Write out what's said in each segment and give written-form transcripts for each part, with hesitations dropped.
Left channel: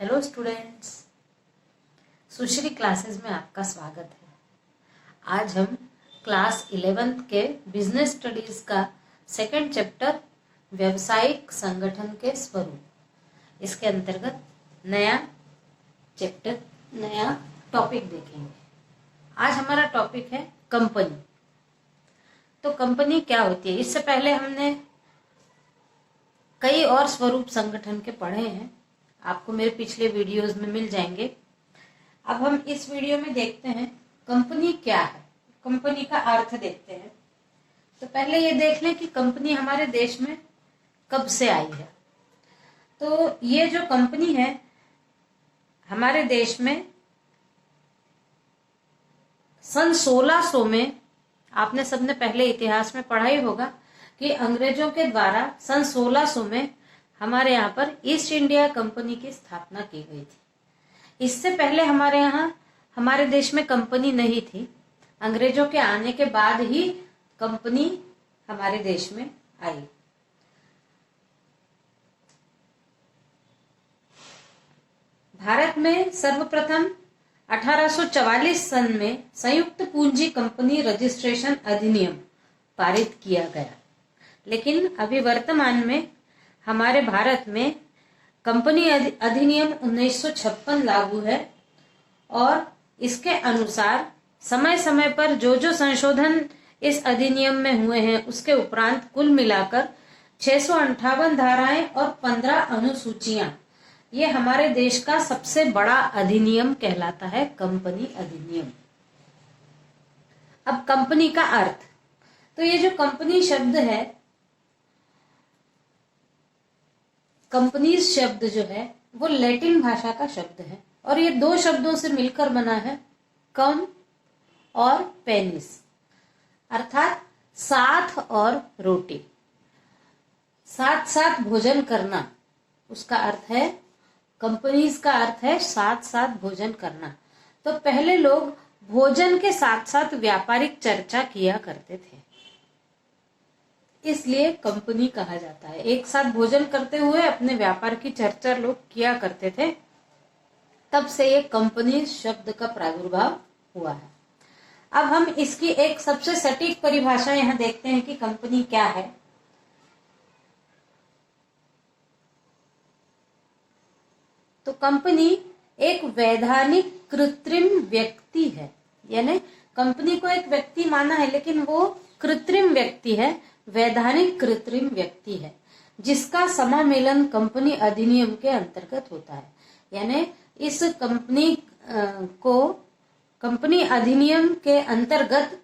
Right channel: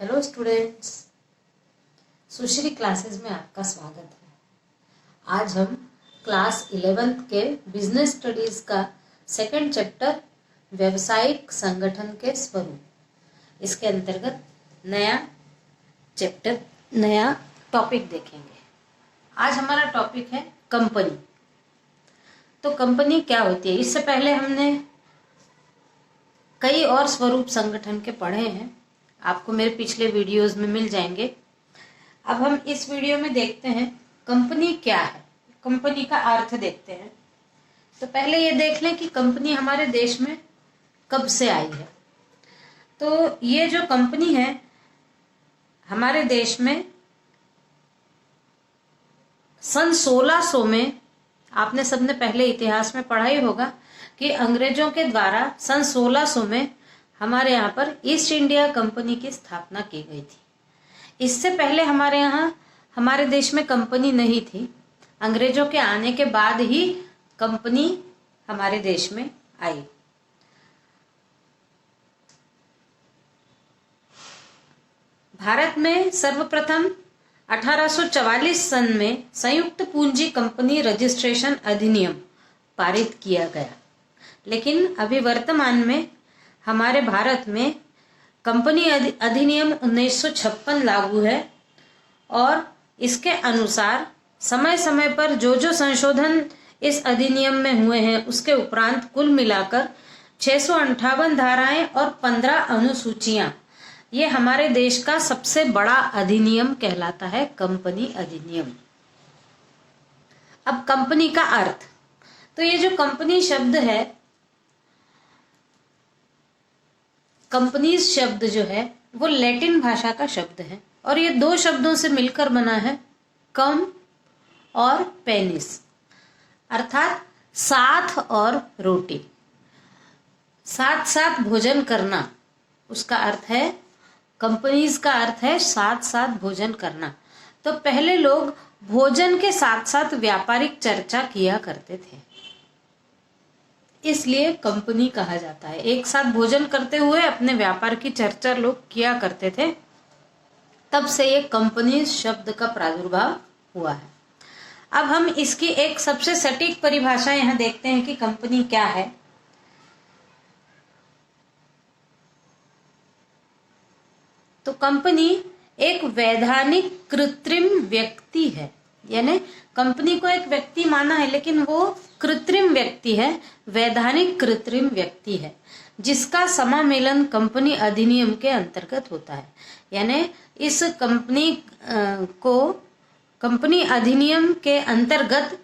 Hello students, सुश्री classes में आपका स्वागत है। आज हम क्लास 11th के बिजनेस स्टडीज का सेकंड चैप्टर व्यवसायिक संगठन के स्वरूप, इसके अंतर्गत नया टॉपिक देखेंगे। आज हमारा टॉपिक है कंपनी। तो कंपनी क्या होती है? इससे पहले हमने कई और स्वरूप संगठन के पढ़े हैं, आपको मेरे पिछले वीडियोस में मिल जाएंगे। अब हम इस वीडियो में देखते हैं कंपनी क्या है, कंपनी का अर्थ देखते हैं। तो पहले ये देख लें कि कंपनी हमारे देश में कब से आई है। तो ये जो कंपनी है हमारे देश में सन 1600 में, आपने सबने पहले इतिहास में पढ़ा ही होगा कि अंग्रेजों के द्वारा सन 1600 में हमारे यहाँ पर ईस्ट इंडिया कंपनी की स्थापना की गई थी। इससे पहले हमारे देश में कंपनी नहीं थी। अंग्रेजों के आने के बाद ही कंपनी हमारे देश में आई। भारत में सर्वप्रथम 1844 सन में संयुक्त पूंजी कंपनी रजिस्ट्रेशन अधिनियम पारित किया गया, लेकिन अभी वर्तमान में हमारे भारत में कंपनी अधिनियम 1956 लागू है और इसके अनुसार समय समय पर जो संशोधन इस अधिनियम में हुए हैं उसके उपरांत कुल मिलाकर 658 धाराएं और 15 अनुसूचियां, ये हमारे देश का सबसे बड़ा अधिनियम कहलाता है, कंपनी अधिनियम। अब कंपनी का अर्थ, तो ये जो कंपनी शब्द है, कंपनीज शब्द जो है वो लैटिन भाषा का शब्द है और ये दो शब्दों से मिलकर बना है, कम और पेनिस, अर्थात साथ और रोटी, साथ साथ भोजन करना, उसका अर्थ है कंपनीज का अर्थ है साथ साथ भोजन करना। तो पहले लोग भोजन के साथ साथ व्यापारिक चर्चा किया करते थे, इसलिए कंपनी कहा जाता है। एक साथ भोजन करते हुए अपने व्यापार की चर्चा लोग किया करते थे, तब से ये कंपनी शब्द का प्रादुर्भाव हुआ है। अब हम इसकी एक सबसे सटीक परिभाषा यहां देखते हैं कि कंपनी क्या है। तो कंपनी एक वैधानिक कृत्रिम व्यक्ति है, यानी कंपनी को एक व्यक्ति माना है लेकिन वो कृत्रिम व्यक्ति है, वैधानिक कृत्रिम व्यक्ति है, जिसका समामेलन कंपनी अधिनियम के अंतर्गत होता है। यानी इस कंपनी को कंपनी अधिनियम के अंतर्गत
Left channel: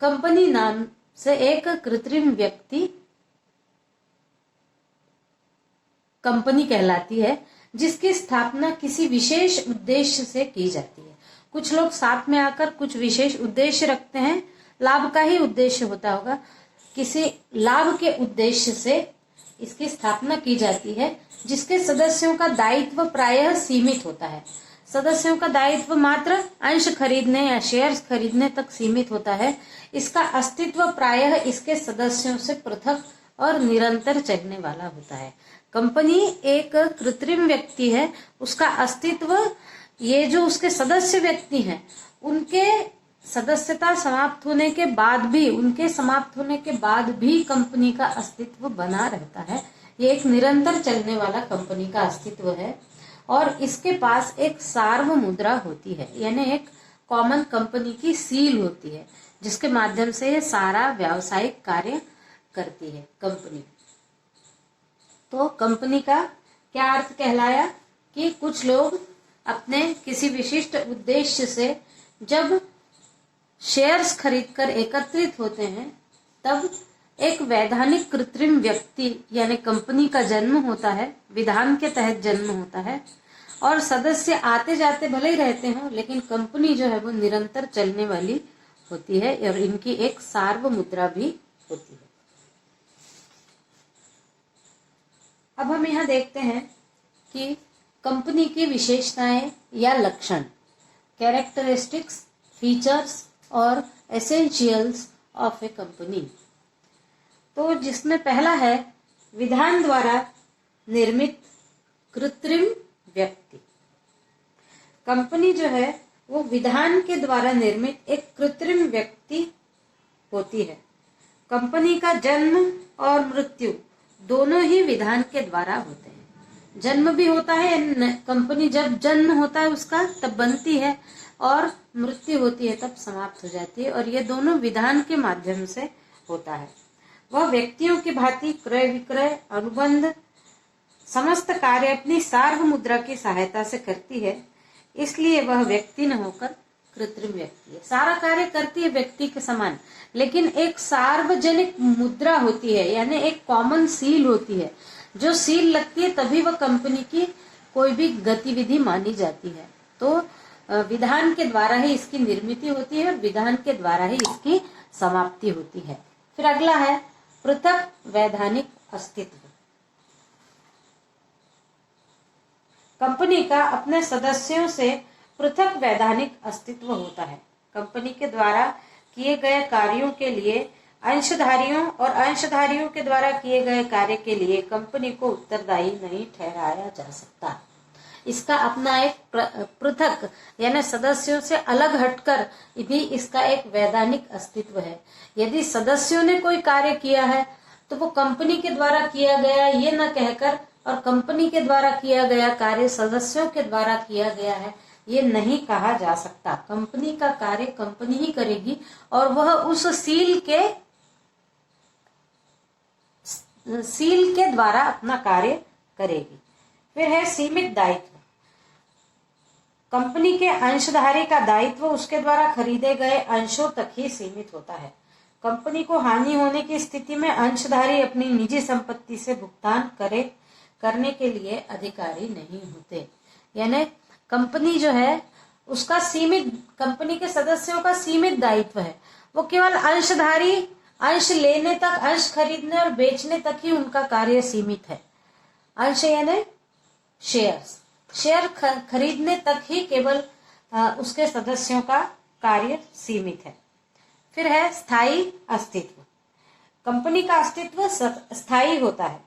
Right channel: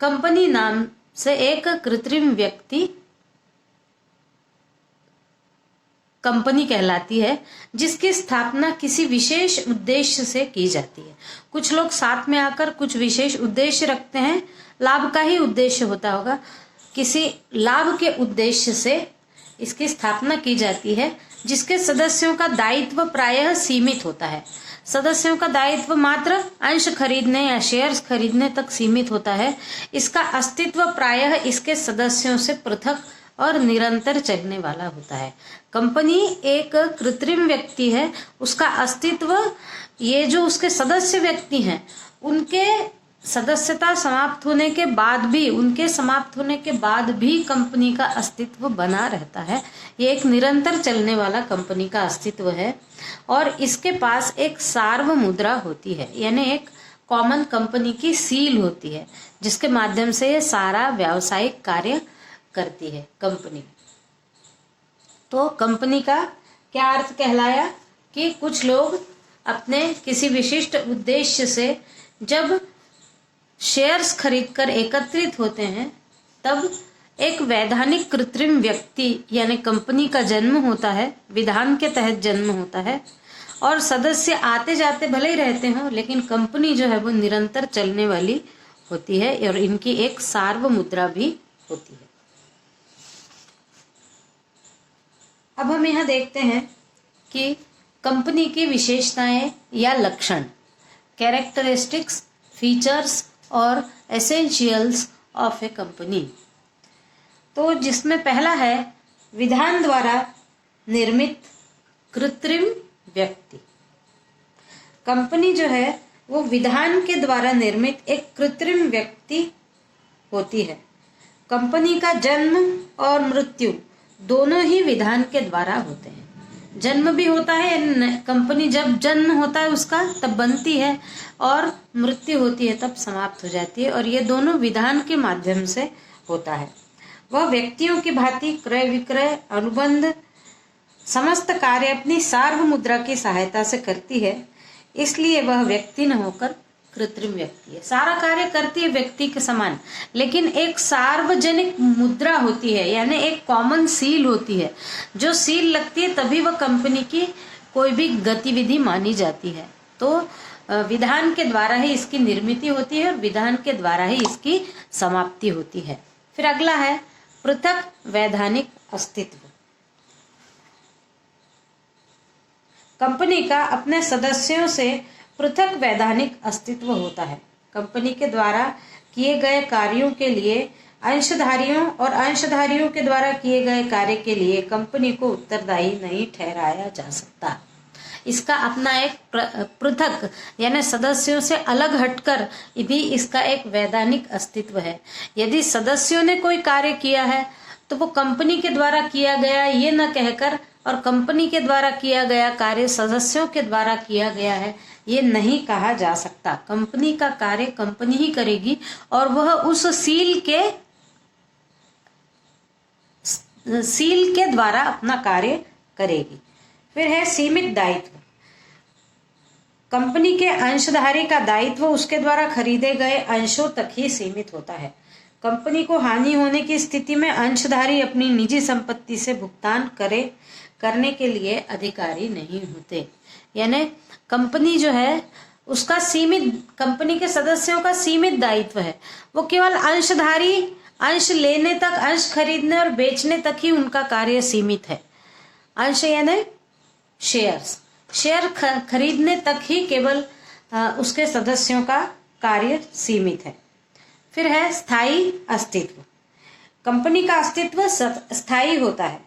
कंपनी नाम से एक कृत्रिम व्यक्ति कंपनी कहलाती है, जिसकी स्थापना किसी विशेष उद्देश्य से की जाती है। कुछ लोग साथ में आकर कुछ विशेष उद्देश्य रखते हैं, लाभ का ही उद्देश्य होता होगा, किसी लाभ के उद्देश्य से इसकी स्थापना की जाती है, जिसके सदस्यों का दायित्व प्रायः सीमित होता है। सदस्यों का दायित्व मात्र अंश खरीदने या शेयर्स खरीदने तक सीमित होता है। इसका अस्तित्व प्रायः इसके सदस्यों से पृथक और निरंतर चलने वाला होता है। कंपनी एक कृत्रिम व्यक्ति है, उसका अस्तित्व, ये जो उसके सदस्य व्यक्ति हैं उनके सदस्यता समाप्त होने के बाद भी कंपनी का अस्तित्व बना रहता है। ये एक निरंतर चलने वाला कंपनी का अस्तित्व है और इसके पास एक सार्व मुद्रा होती है, यानी एक कॉमन कंपनी की सील होती है, जिसके माध्यम से ये सारा व्यावसायिक कार्य करती है कंपनी। तो कंपनी का क्या अर्थ कहलाया कि कुछ लोग अपने किसी विशिष्ट उद्देश्य से जब शेयर्स खरीदकर एकत्रित होते हैं, तब एक वैधानिक कृत्रिम व्यक्ति यानी कंपनी का जन्म होता है, विधान के तहत जन्म होता है और सदस्य आते जाते भले ही रहते हों, लेकिन कंपनी जो है वो निरंतर चलने वाली होती है और इनकी एक सार्व मुद्रा भी होती है। अब हम यहाँ देखते हैं कि कंपनी की विशेषताएं या लक्षण, कैरेक्टरिस्टिक्स, फीचर्स और एसेंशियल्स ऑफ ए कंपनी। तो जिसमें पहला है विधान द्वारा निर्मित कृत्रिम व्यक्ति। कंपनी जो है वो विधान के द्वारा निर्मित एक कृत्रिम व्यक्ति होती है। कंपनी का जन्म और मृत्यु दोनों ही विधान के द्वारा होते हैं। जन्म भी होता है, कंपनी जब जन्म होता है उसका तब बनती है, और मृत्यु होती है तब समाप्त हो जाती है, और ये दोनों विधान के माध्यम से होता है। वह व्यक्तियों की भांति क्रय विक्रय अनुबंध समस्त कार्य अपनी सार्व मुद्रा की सहायता से करती है, इसलिए वह व्यक्ति न होकर कृत्रिम व्यक्ति है। सारा कार्य करती है व्यक्ति के समान, लेकिन एक सार्वजनिक मुद्रा होती है, यानी एक कॉमन सील होती है। जो सील लगती है तभी वह कंपनी की कोई भी गतिविधि मानी जाती है। तो विधान के द्वारा ही इसकी निर्मिति होती है, विधान के द्वारा ही इसकी समाप्ति होती है। फिर अगला है पृथक वैधानिक अस्तित्व। कंपनी का अपने सदस्यों से पृथक वैधानिक अस्तित्व होता है। कंपनी के द्वारा किए गए कार्यों के लिए अंशधारियों और अंशधारियों के द्वारा किए गए कार्य के लिए कंपनी को उत्तरदायी नहीं ठहराया जा सकता। इसका अपना एक पृथक यानी सदस्यों से अलग हटकर भी इसका एक वैधानिक अस्तित्व है। यदि सदस्यों ने कोई कार्य किया है तो वो कंपनी के द्वारा किया गया ये न कहकर, और कंपनी के द्वारा किया गया कार्य सदस्यों के द्वारा किया गया है ये नहीं कहा जा सकता। कंपनी का कार्य कंपनी ही करेगी और वह उस सील के द्वारा अपना कार्य करेगी। फिर है सीमित दायित्व। कंपनी के अंशधारी का दायित्व उसके द्वारा खरीदे गए अंशों तक ही सीमित होता है। कंपनी को हानि होने की स्थिति में अंशधारी अपनी निजी संपत्ति से भुगतान करने के लिए अधिकारी नहीं होते। यानी कंपनी जो है उसका कंपनी के सदस्यों का सीमित दायित्व है। वो केवल अंशधारी अंश लेने तक, अंश खरीदने और बेचने तक ही उनका कार्य सीमित है। अंश यानी शेयर खरीदने तक ही केवल उसके सदस्यों का कार्य सीमित है। फिर है स्थायी अस्तित्व। कंपनी का अस्तित्व स्थायी होता है।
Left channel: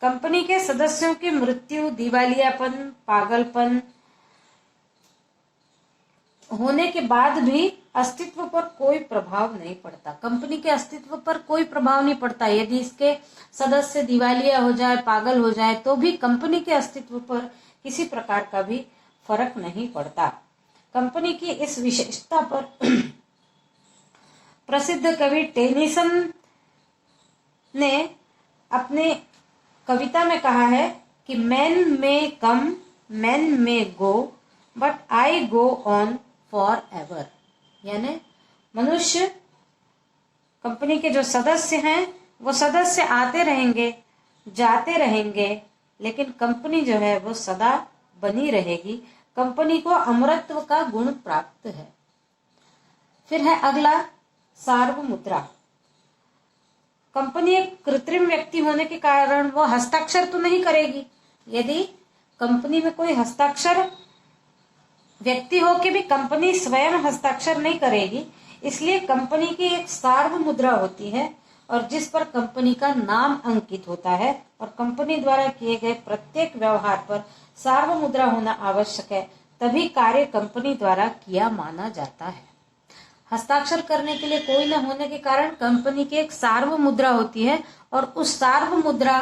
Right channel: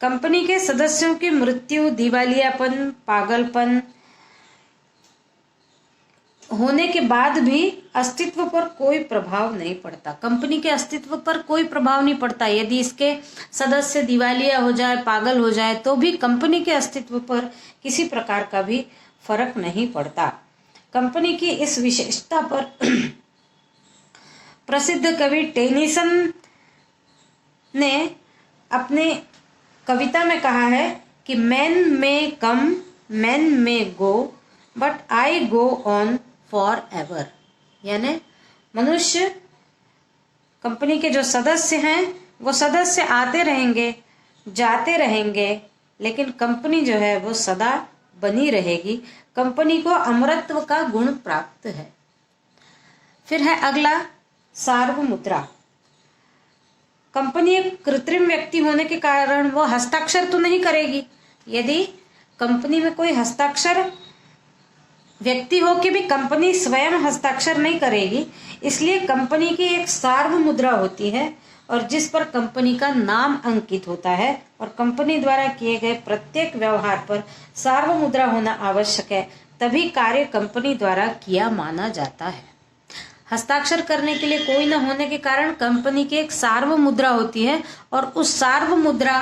कंपनी के सदस्यों की मृत्यु, दिवालियापन, पागलपन होने के बाद भी अस्तित्व पर कोई प्रभाव नहीं पड़ता। कंपनी के अस्तित्व पर कोई प्रभाव नहीं पड़ता। यदि इसके सदस्य दिवालिया हो जाए, पागल हो जाए, तो भी कंपनी के अस्तित्व पर किसी प्रकार का भी फर्क नहीं पड़ता। कंपनी की इस विशेषता पर प्रसिद्ध कवि टेनिसन ने अपने कविता में कहा है कि मैन में come, man may go, but I go on forever. यानी मनुष्य, कंपनी के जो सदस्य हैं वो सदस्य आते रहेंगे, जाते रहेंगे, लेकिन कंपनी जो है वो सदा बनी रहेगी। कंपनी को अमरत्व का गुण प्राप्त है। फिर है अगला सार्वमुद्रा। कंपनी एक कृत्रिम व्यक्ति होने के कारण वो हस्ताक्षर तो नहीं करेगी। यदि कंपनी में कोई हस्ताक्षर व्यक्ति हो के भी कंपनी स्वयं हस्ताक्षर नहीं करेगी, इसलिए कंपनी की एक सार्वमुद्रा होती है और जिस पर कंपनी का नाम अंकित होता है, और कंपनी द्वारा किए गए प्रत्येक व्यवहार पर सार्वमुद्रा होना आवश्यक है, तभी कार्य कंपनी द्वारा किया माना जाता है। हस्ताक्षर करने के लिए कोई न होने के कारण कंपनी की एक सार्वमुद्रा होती है और उस सार्वमुद्रा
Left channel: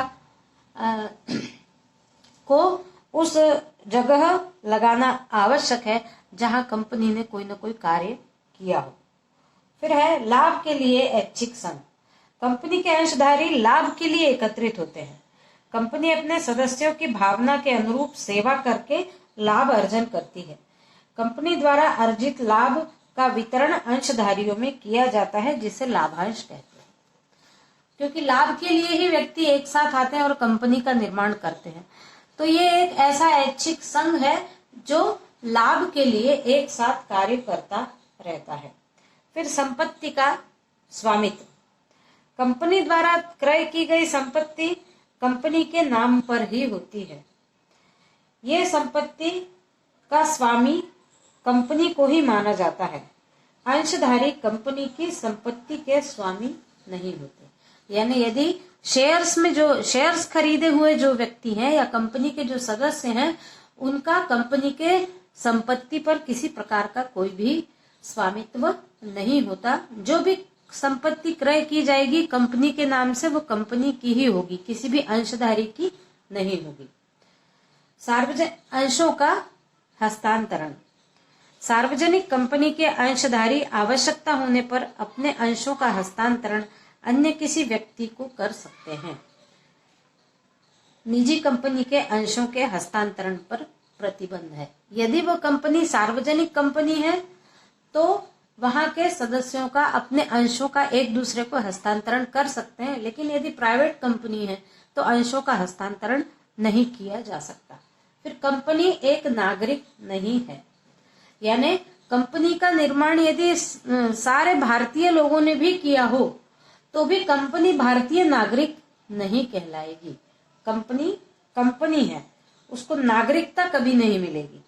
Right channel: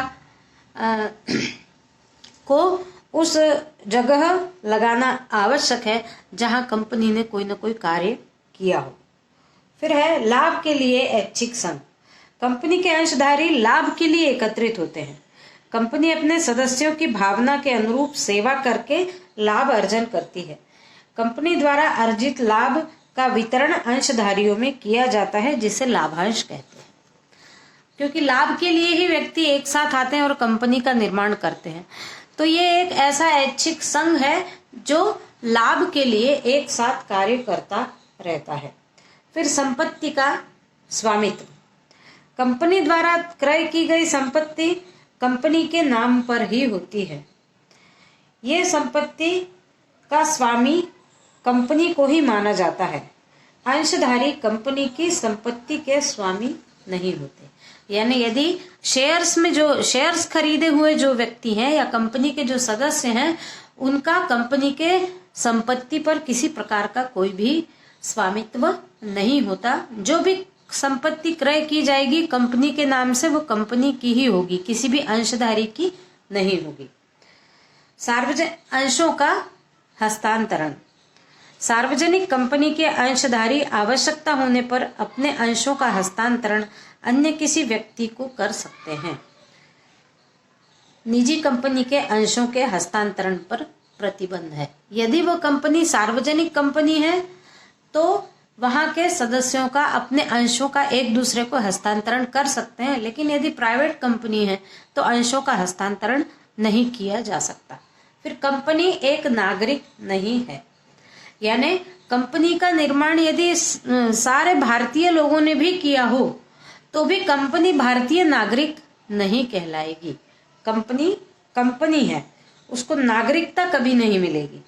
को उस जगह लगाना आवश्यक है जहां कंपनी ने कोई न कोई कार्य किया हो। फिर है लाभ के लिए ऐच्छिक संघ। कंपनी के अंशधारी लाभ के लिए एकत्रित होते हैं। कंपनी अपने सदस्यों की भावना के अनुरूप सेवा करके लाभ अर्जन करती है। कंपनी द्वारा अर्जित लाभ का वितरण अंशधारियों में किया जाता है, जिसे लाभांश कहते हैं। क्योंकि लाभ के लिए ही व्यक्ति एक साथ आते हैं और कंपनी का निर्माण करते हैं, तो ये एक ऐसा ऐच्छिक संघ है जो लाभ के लिए एक साथ कार्य करता रहता है। फिर संपत्ति का स्वामित्व। कंपनी द्वारा क्रय की गई संपत्ति कंपनी के नाम पर ही होती है। ये संपत्ति का स्वामी कंपनी को ही माना जाता है। अंशधारी कंपनी की संपत्ति के स्वामी नहीं होते। यानी यदि शेयर्स में जो शेयर्स खरीदे हुए जो व्यक्ति हैं या कंपनी के जो सदस्य हैं, उनका कंपनी के संपत्ति पर किसी प्रकार का कोई भी स्वामित्व नहीं होता। जो भी संपत्ति क्रय की जाएगी कंपनी के नाम से, वो कंपनी की ही होगी, किसी भी अंशधारी की नहीं होगी। सार्वजनिक अंशों का हस्तांतरण। सार्वजनिक कंपनी के अंशधारी आवश्यकता होने पर अपने अंशों का हस्तांतरण अन्य किसी व्यक्ति को कर सकते हैं। निजी कंपनी के अंशों के हस्तांतरण पर प्रतिबंध है। यदि वो कंपनी सार्वजनिक कंपनी है तो वहां के सदस्यों का अपने अंशों का एक दूसरे को हस्तांतरण कर सकते हैं, लेकिन यदि प्राइवेट कंपनी है तो अंशों का हस्तांतरण नहीं किया जा सकता। फिर कंपनी एक नागरिक नहीं है, यानी कंपनी का निर्माण यदि सारे भारतीय लोगों ने भी किया हो तो भी कंपनी भारतीय नागरिक नहीं कहलाएगी। कंपनी है, उसको नागरिकता कभी नहीं मिलेगी।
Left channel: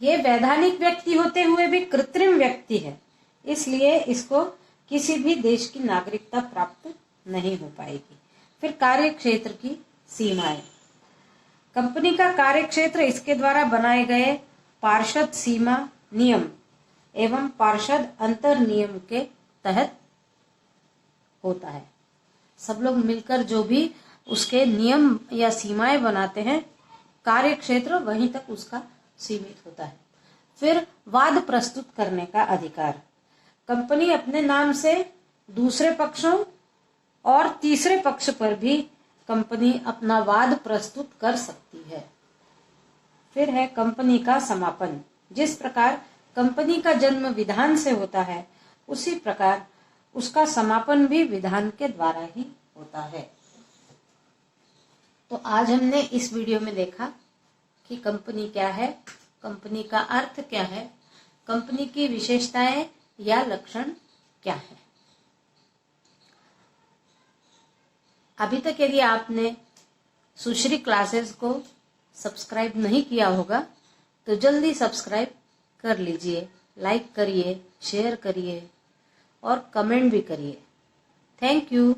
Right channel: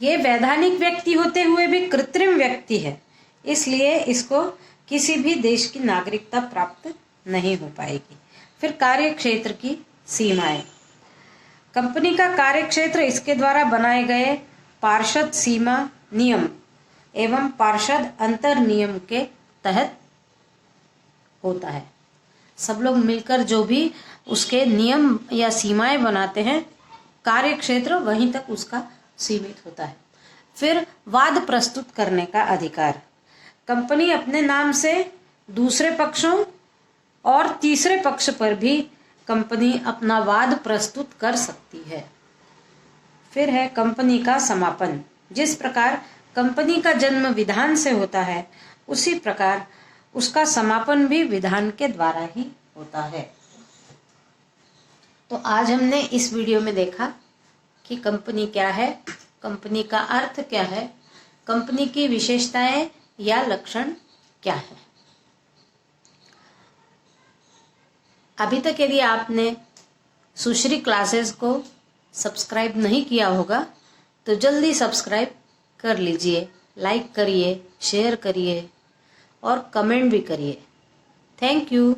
ये वैधानिक व्यक्ति होते हुए भी कृत्रिम व्यक्ति है, इसलिए इसको किसी भी देश की नागरिकता प्राप्त नहीं हो पाएगी। फिर कार्य क्षेत्र की सीमाएं। कंपनी का कार्य क्षेत्र इसके द्वारा बनाए गए पार्षद सीमा नियम एवं पार्षद अंतर नियम के तहत होता है। सब लोग मिलकर जो भी उसके नियम या सीमाएं बनाते हैं, कार्य क्षेत्र वहीं तक उसका सीमित होता है। फिर वाद प्रस्तुत करने का अधिकार। कंपनी अपने नाम से दूसरे पक्षों और तीसरे पक्ष पर भी कंपनी अपना वाद प्रस्तुत कर सकती है। फिर है कंपनी का समापन। जिस प्रकार कंपनी का जन्म विधान से होता है, उसी प्रकार उसका समापन भी विधान के द्वारा ही होता है। तो आज हमने इस वीडियो में देखा कि कंपनी क्या है, कंपनी का अर्थ क्या है, कंपनी की विशेषताएं या लक्षण क्या है। अभी तक यदि आपने सुश्री क्लासेस को सब्सक्राइब नहीं किया होगा तो जल्दी सब्सक्राइब कर लीजिए, लाइक करिए, शेयर करिए और कमेंट भी करिए। Thank you.